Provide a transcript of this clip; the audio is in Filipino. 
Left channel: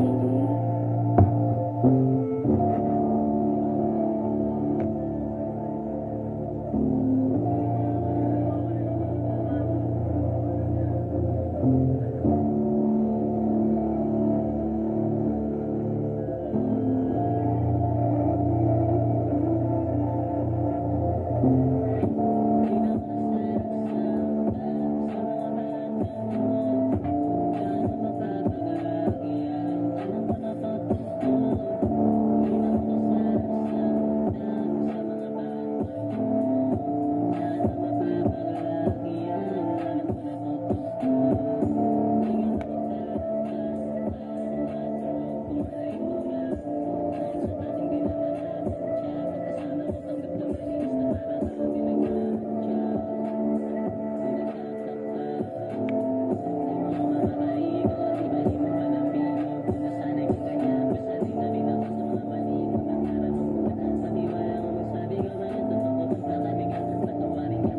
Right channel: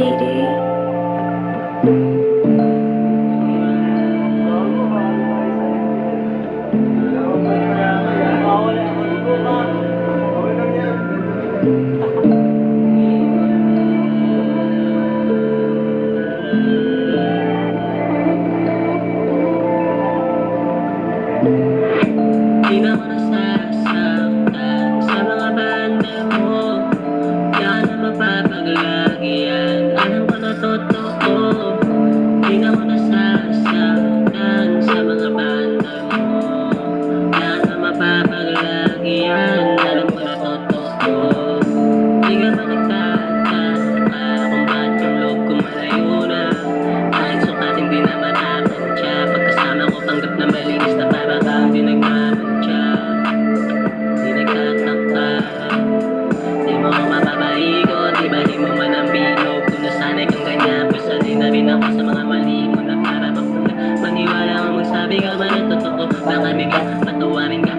Di na ako nasasaktan sa mga banda mo. Yan ang mapapaglagi yan. Alam ko na totoo. Di na ako nasasaktan sa mga banda mo. Yan ang mapapaglagi yan. Alam ko na totoo. Di ka ba nagtataka kung ba't yung loob ko malayo na? Kahit sukatin di na matapantya. Pagkasama ko panggap na malinis na para kang di nagmamantya. Di nagtataka, di mo ko mapapaikot. Di ba di mo man ang bilog? Kung nasanay kang ganyan, pasanay na rin ako sa mga mali mo na para maniwala mo magsabi ka man ang totoo. Baka bigla patawarin ka.